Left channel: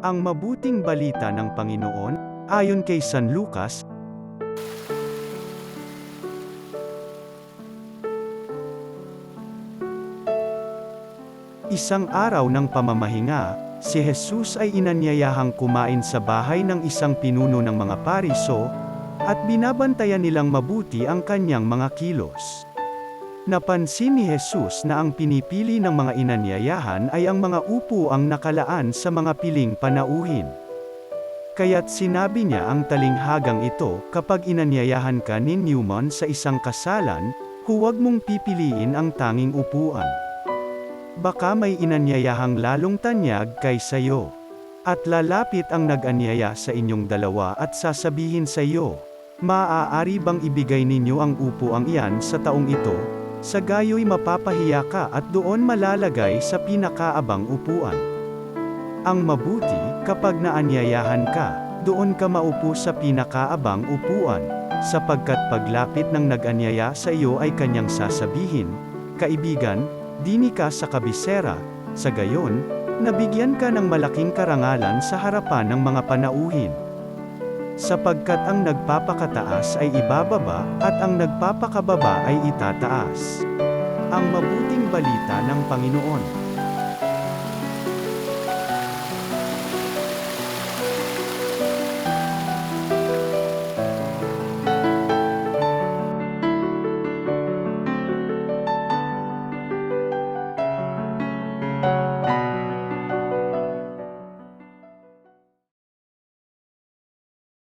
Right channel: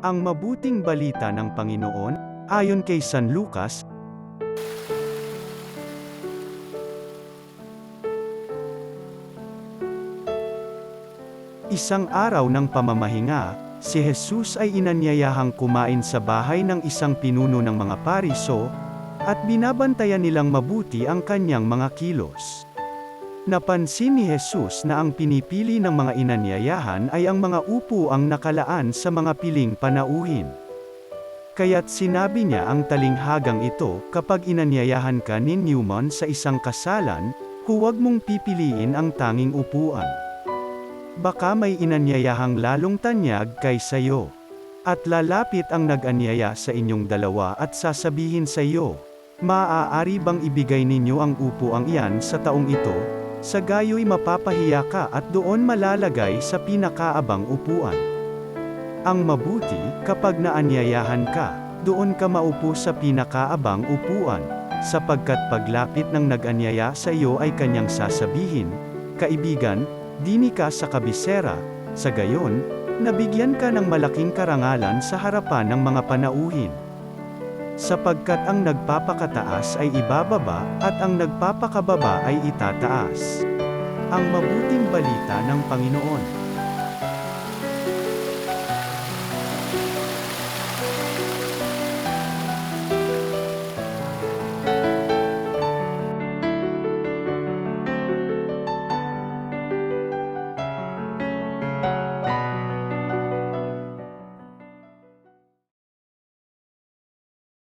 Ang mabuting balita ng Panginoon, ayon kay San Lucas. Isang araw ng pamamahinga, si Jesus ay inanyayahang kumain sa bahay ng isang pinuno ng mga Pariso, at binabantayan nilang mabuti ang kanyang mga kilos. Napansin ni Jesus na ang pinipili ng mga inanyayahan ay ang mga upuang nakalaan sa mga piling panauhin. Kaya't sinabi niya ang talinghagang ito, kapag inanyayahan ka ni Newman sa isang kasalan, huwag mong pipiliin ang tanging upuan. Baka may inanyayahang lalong tanyag kaysa iyo. At lalapit ang nag-anyaya sa inyong dalawa at sasabihin sa iyo, maaari bang ibigay ninyo ang upuang iyan sa taong ito? Sa gayo'y mapapahiya ka at doon malalagay sa pinakaabang upuan. Ang mabuti, kapag naanyayahan ka, doon ka maupo sa pinakaabang upuan, sapagkat paglapit ng nag-anyaya sa iyo ay kanyang sasabihin, kaibigan, dini ka sa kabisera, sa gayon, nabigyan ka ng malaking karangalan sa harapan ng mga panauhin. Sapagkat ang nagpapakataas ay ibababa, at ang nagpapakababa ay itataas. Ang mabuting balita ng Panginoon.